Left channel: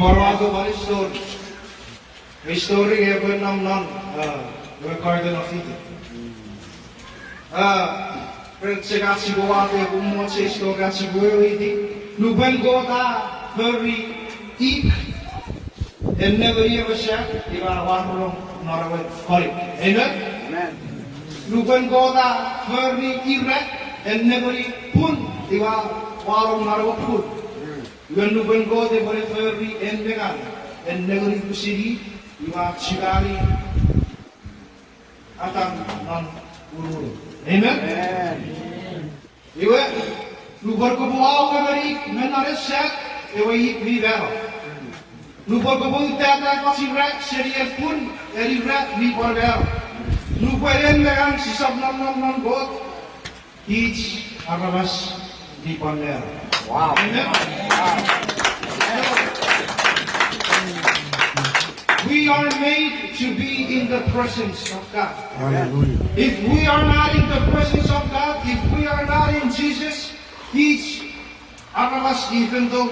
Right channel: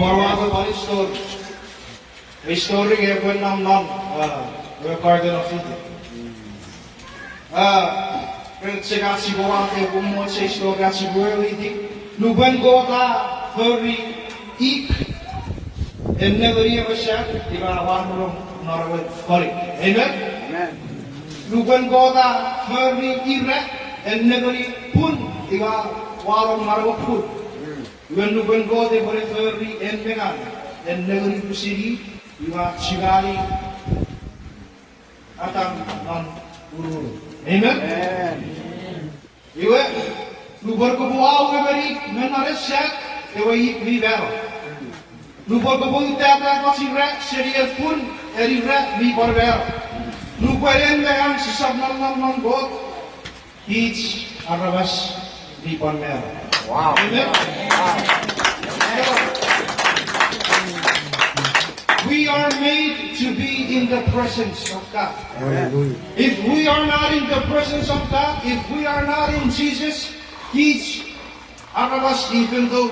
Forward one story. A story ever naman recorded of it. Percaya si bawa ke umur sesuatu si berliti. Luban kota feri ik. Never ever said di mana warung marawat kali. Amen. Luban kota feri irak. Never pun di mana warung marawat pun. Luban kota feri endengan. Never pusiri. Iwa Chirani atang man uru. Amen. Iwa lubar ko buaw ka bari menareset iwa ikli daro. Lubar ko buaw ita ko si rat serial pun eri rat di border. Lubar yan lang si sabnon ng god each arabas di border. Wow. Amen. We are made to be in the presence of God. Hallelujah. If we are not in the presence of God, if we are not in Jesus, He's our us, even though